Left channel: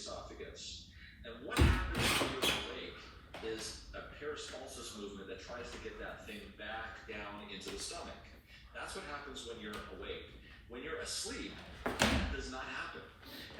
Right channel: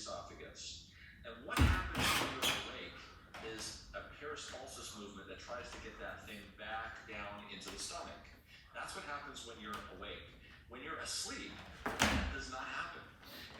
esophagus. And what happens when you're awake is a peristalsis movement that tries to get that thing back down into the stomach. That's what happens when you're awake. When you're asleep, that does not happen.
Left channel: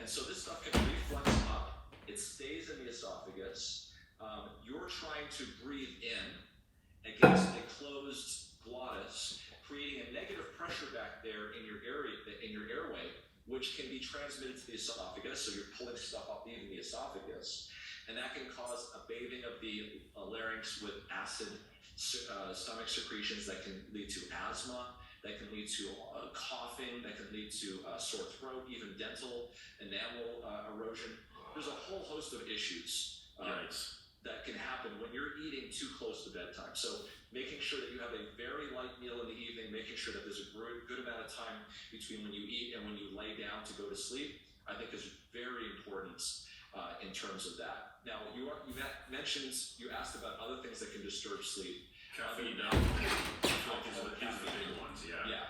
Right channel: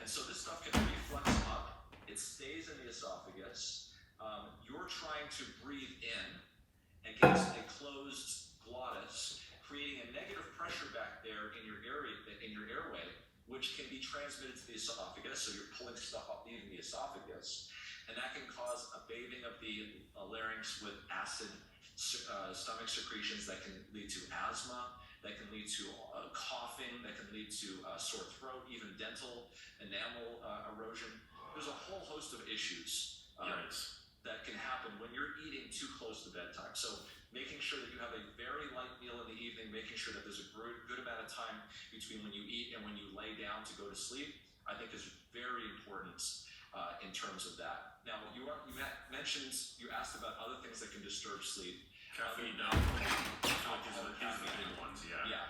And so this stuff can reflux up. It stays in the esophagus. You're trying to breathe in against a closed glottis, creating a negative pressure back there in your airway, which can be transmitted to the esophagus. So you're pulling stuff up even the esophagus, and that can cause a bathing of the larynx with acid stomach secretions that can lead to asthma, that can lead to coughing, that can lead to sore throat, even dental enamel erosion. There's a whole host of issues that can happen when you're eating too close to bedtime. So making sure that you have a very light meal in the evening, making sure that there's a good amount of time between when you eat and when you lay down to go to sleep, I think is very important in terms of that. Now, you mentioned, you asked about other things that can disturb sleep. Caffeine, alcohol, these are the big ones, Yeah.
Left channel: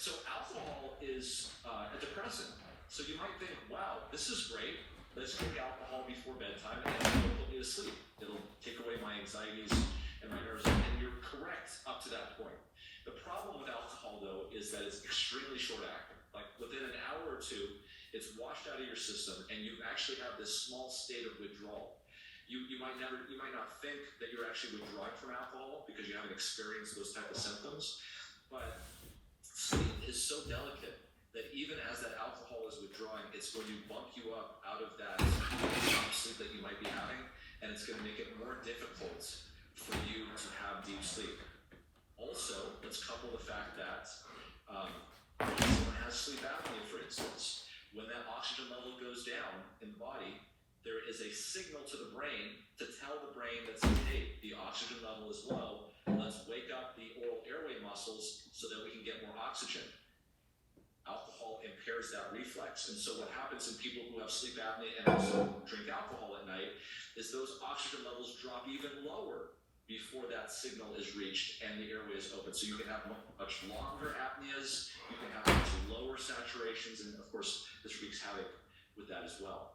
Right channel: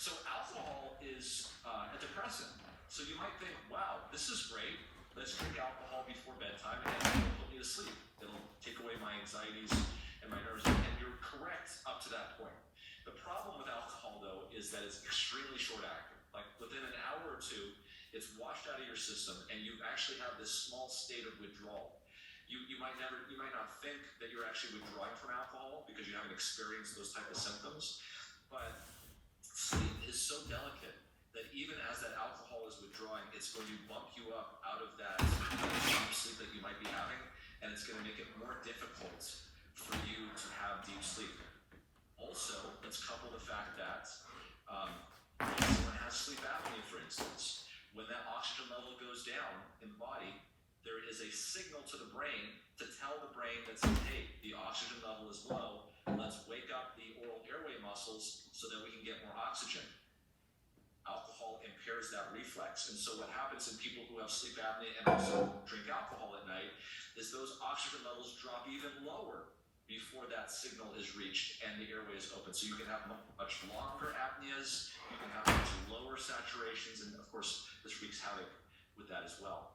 So alcohol is a depressant. So you might think, wow, this is great. Let's drink alcohol before bedtime and it'll put me to sleep. It'll take away my anxieties and my nerves. And you're correct up to that point. The problem with alcohol, though, is that it's extremely short-acting. Like within an hour or two, it's washed out of your system, and you actually have this small state of withdrawal. You might not think that you're actually withdrawing from alcohol because you haven't experienced those type of symptoms. But sleep is so delicate that even as that alcohol is withdrawing, it's going to bump you up out of that sleep that you might be having, and it's going to make it more difficult for you to have deep sleep. Also, let's couple the fact that someone has sleep apnea, for instance. When that oxygen level goes down in the body, there is a signal to the brain to tell the brain that says, hey, the oxygen level is low, let's wake up the oral airway muscles so that we can get more oxygen. Alcohol impairs that reflex, and so what happens in people who have sleep apnea and also drink alcohol at night is those oxygen levels drop even lower before that signal is reached and the airway is open. So you can have much longer apneas, you can have much lower saturations, and of course this wreaks havoc with that as well.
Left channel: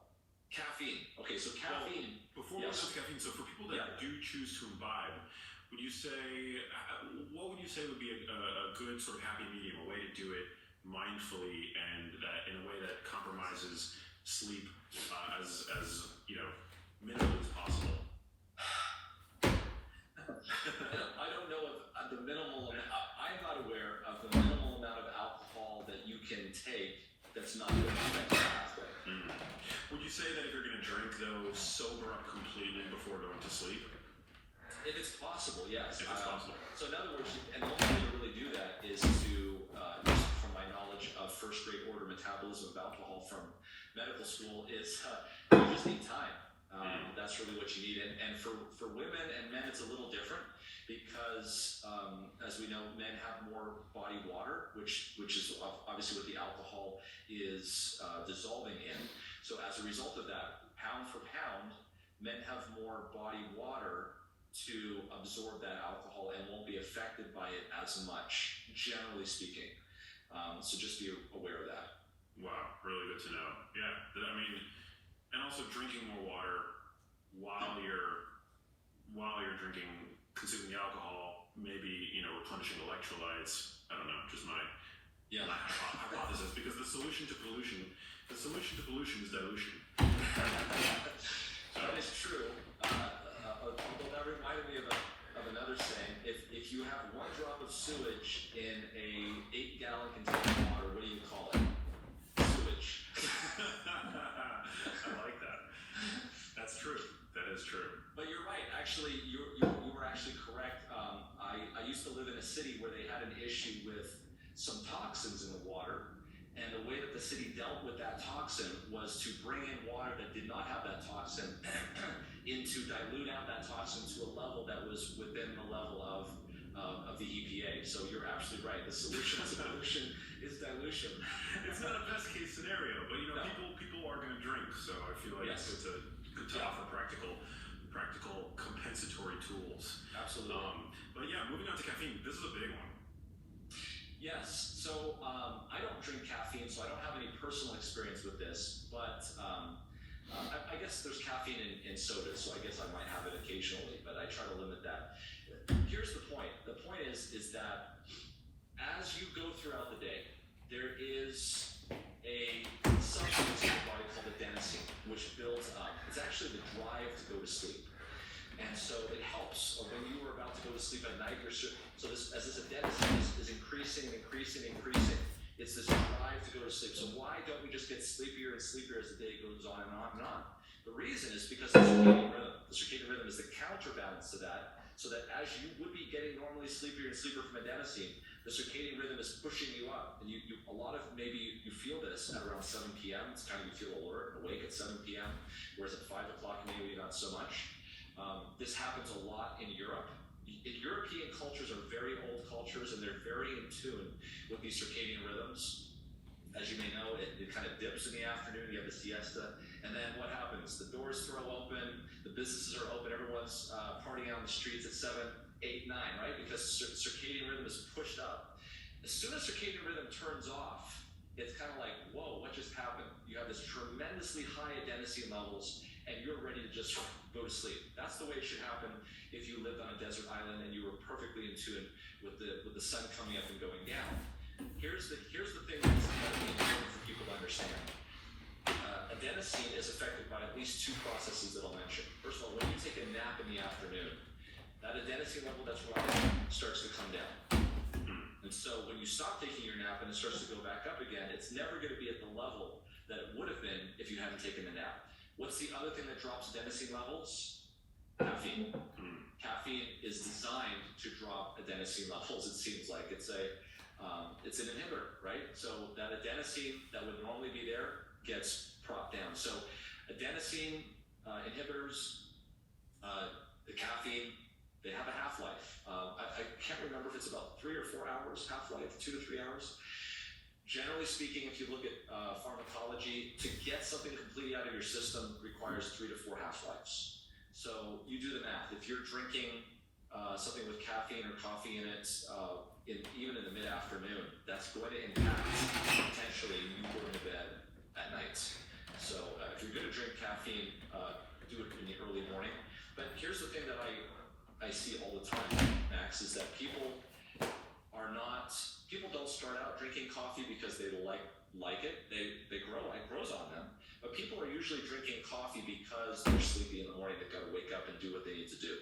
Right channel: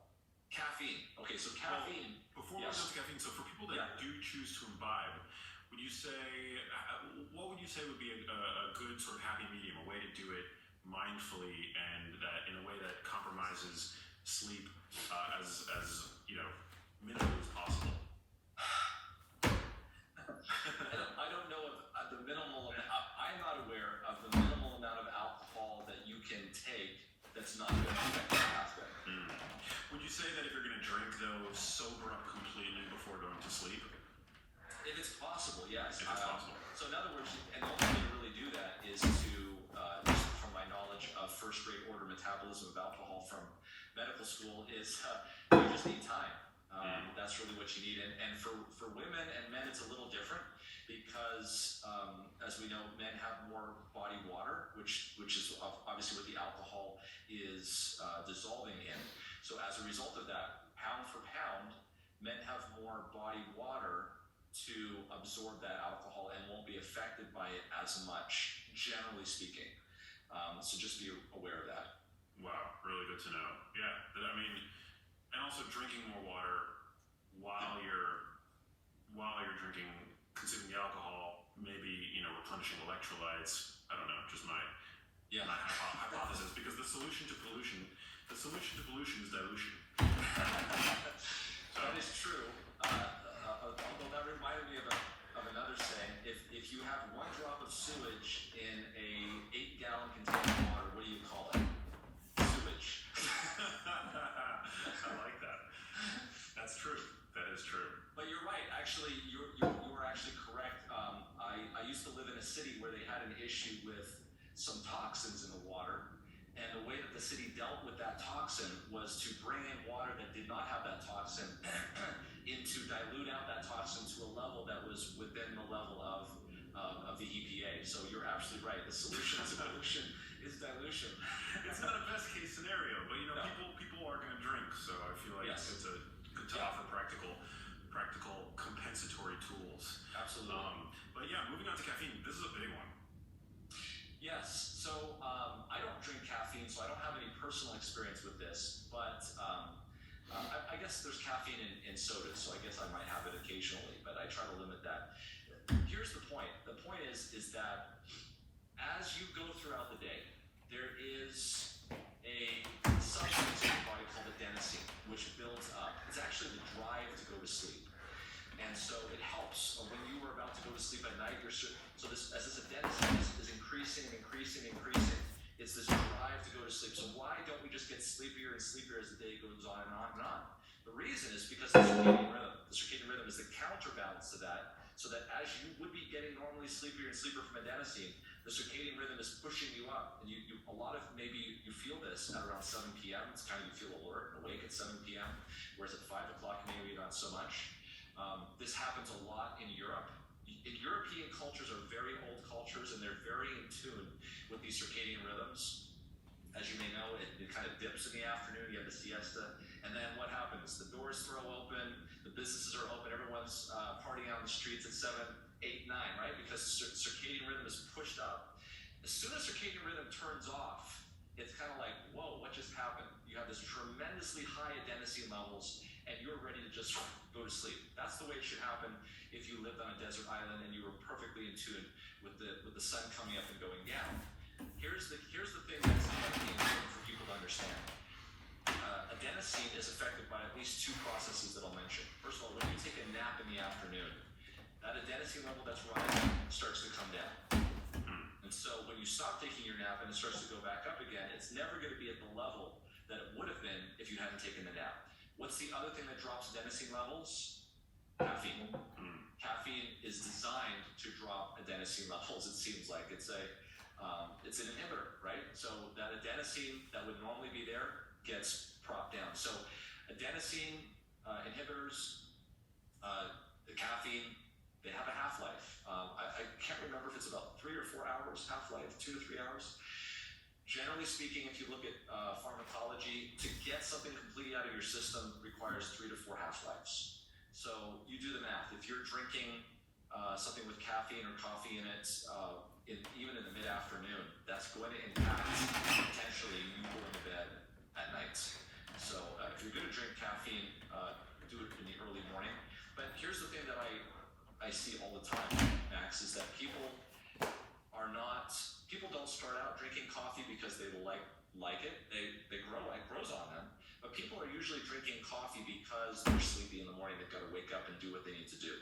Caffeine. Okay, so caffeine. Well, before we go to caffeine, so for people that do choose to imbibe, what would you say would be a good sort of happy medium, a way to do it mindfully and that in a way that compromises sleep as minimally as possible? I don't know of the minimal amount. I'm not aware of the minimal amount of alcohol that you can take that's not going to affect the pathway. Would you say that if you're going to drink, though, sober up completely before going to sleep? If it's possible, yes. If it's possible. So in other words, and the only way to really do that is to, just from my knowledge of first-grade order metabolism of alcohol from medical school, is you just need time. That's really what you need. And for women and men, it's a little different because, as we know, men have more body water, which is obviously what the alcohol is dissolving in. So as a result of that, pound for pound, men have more body water to absorb that alcohol and won't be affected by it as much, generally speaking. So just be aware of that. Wow, really good to know. Yeah, I mean, and also drinking more water while you're drinking, consuming the alcohol, maybe replenishing electrolytes. I don't know, just my hypothesis, because the solution to pollution is dilution. That is true. Although that reminded me of another saying. If you have one drop of sewage in a 8-gallon container of water, what do you call it? Sewage. I like that. That's true. That is true. But you're right. Actually, you were actually correct. I used to live in a city where they had an issue with some toxins in the water, and the way that the city dealt with that toxin was to bring in water that did not have that toxin in to dilute out that toxin to a level that was within the level of the EPA. So you're absolutely right. The solution to pollution is dilution. It's not a best case scenario, but people are going to drink, so I feel like it's good to offer practical compensatory tools. Absolutely. But yeah, moving on to caffeine. This is a big one. Yes. So I don't drink caffeine, so I don't have any personal experience with this, but I've there's caffeine in sodas, so I guess I might have it occasionally, but I try to limit that. Here's the point. The point is that as you go throughout the day, there is a substance in your body called adenosine, which builds up. It's actually the drive to go to sleep. And so it helps. When you are about to go to sleep at night, as this adenosine is increasing, it's this drive to go to sleep. So why don't we just get sleepier and sleepier as the day goes on and on and on? The reason is because the circadian rhythm. The circadian rhythm is the counterbalance to that, so that as you would be getting normally sleepier and sleepier from adenosine, the circadian rhythm is pushing you up. And a lot of, maybe you feel this at around 7 p.m. It's kind of, you feel alert and awake at 7 p.m., whereas at 5 o'clock maybe not so much. This happens a lot in Europe. European cultures are very old cultures, and they're very in tune with these circadian rhythms. As you may know, it kind of dips in the afternoon, you have the siesta, and then what happens? The doors throw open, the businesses are open, everyone's partying out in the streets at 7, 8, 9, right? Because circadian rhythm is pushed up. As soon as circadian rhythm turns off, it's kind of like, whoa, what just happened? You have this tremendously high adenosine levels, and you're ready to just go to sleep. That's the way it should happen if you lived on a desert island and you were perfectly in tune with the sun coming up and going down. Here's the thing that's incredibly important for people to understand. Adenosine is affected by at least two processes that I'll mention. First of all, when you take a nap in the afternoon, that adenosine level that's rising starts to come down. And so when you stop taking your nap and it starts to go back up again, it's never going to be at the level that it would have been if you hadn't taken the nap. What's the other thing that drops adenosine levels? Caffeine. Caffeine is designed to drop adenosine levels. It seems like it's an inhibitor, right? So that adenosine that would normally be there gets propped down. So adenosine inhibitors, the caffeine, they have a half-life. I can't remember if it's about 3 or 4 hours half-life, 2 to 3 hours. Generally speaking, if you look at pharmacology, to get something completely out of your system requires 3 to 4 half-lives. So you do the math. If you're drinking something with caffeine or coffee in it, even in the mid-afternoon, that's going to impact potentially you going to bed at night. So if you're going to drink caffeine, do it in the early morning. But here's the thing that I see all the time, Max, is that people don't start out drinking coffee because they like it. It grows on them. But people are usually drinking coffee because they're sleepy in the morning. They've got to wake up and do what they need to do.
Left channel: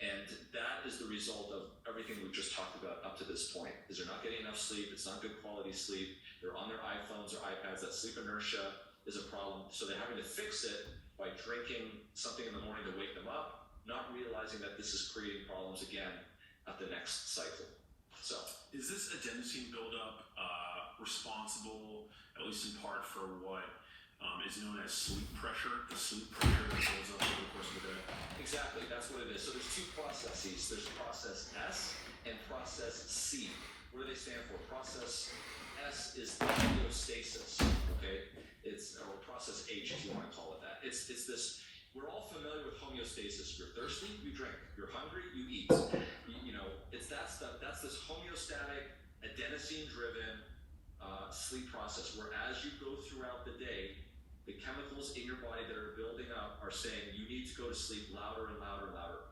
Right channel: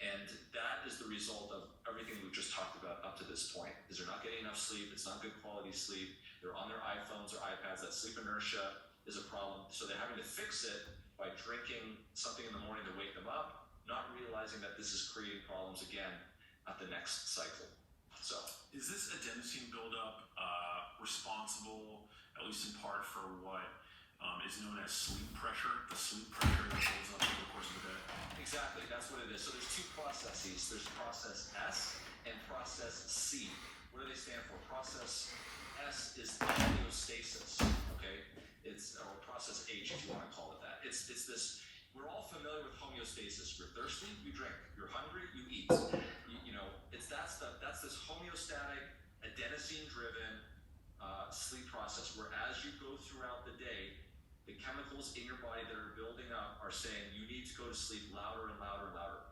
And that is the result of everything we just talked about up to this point, is they're not getting enough sleep. It's not good quality sleep. They're on their iPhones or iPads. That sleep inertia is a problem. So they're having to fix it by drinking something in the morning to wake them up, not realizing that this is creating problems again at the next cycle. So, is this adenosine buildup responsible, at least in part, for what is known as sleep pressure? The sleep pressure that builds up over the course of the day. Exactly, that's what it is. So there's two processes. There's process S and process C. What do they stand for? Process S is homeostasis. Okay, or process H if you want to call it that. It's this. We're all familiar with homeostasis. You're thirsty, you drink. You're hungry, you eat. That's this homeostatic, adenosine-driven sleep process where as you go throughout the day, the chemicals in your body that are building up are saying you need to go to sleep louder and louder and louder.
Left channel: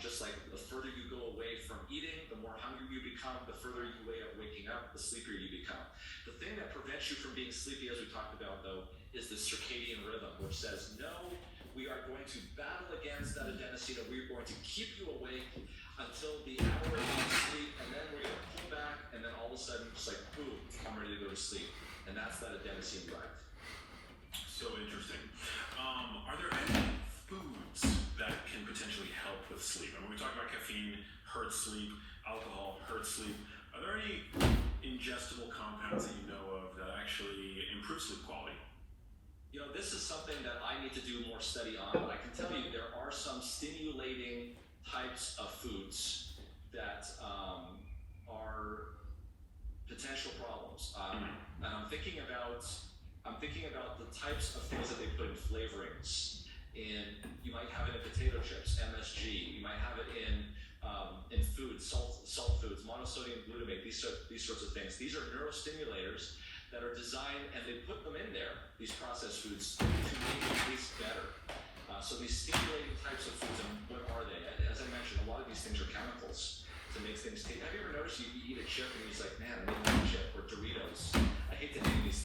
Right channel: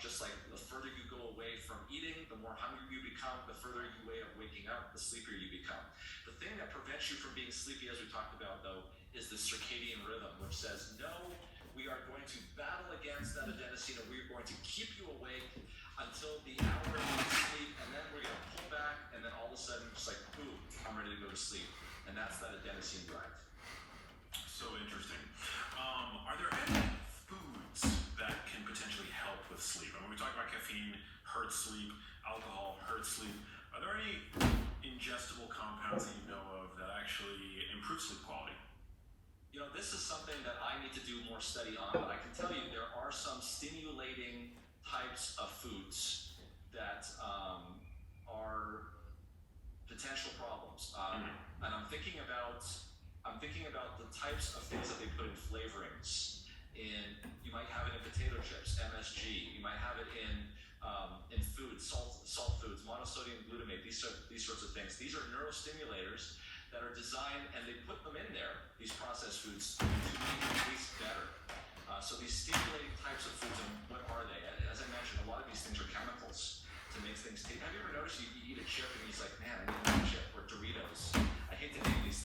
Just like the further you go away from eating, the more hungry you become, the further you away of waking up, the sleepier you become. The thing that prevents you from being sleepy, as we talked about though, is the circadian rhythm, which says, no, we are going to battle against that adenosine and we are going to keep you awake until the hour of sleep, and then we're going to pull back, and then all of a sudden, it's like, boom, I'm ready to go to sleep. And that's that adenosine drive. So interesting. Are there any foods that can potentially help with sleep? I mean, we talk about caffeine, hurts sleep, alcohol, hurts sleep. Are there any ingestible compounds that you know of that actually improve sleep quality? You know, this is something that I need to do more study on, but I can tell you there are some stimulating types of foods that are potential problems. And I'm thinking about the types of things that they put in flavorings. You might have it in potato chips, MSG. You might have it in foods, salt foods, monosodium glutamate. These sorts of things. These are neurostimulators that are designed, and they put them in there, these processed foods, to make these things are chemicals to make things taste. Have you ever noticed you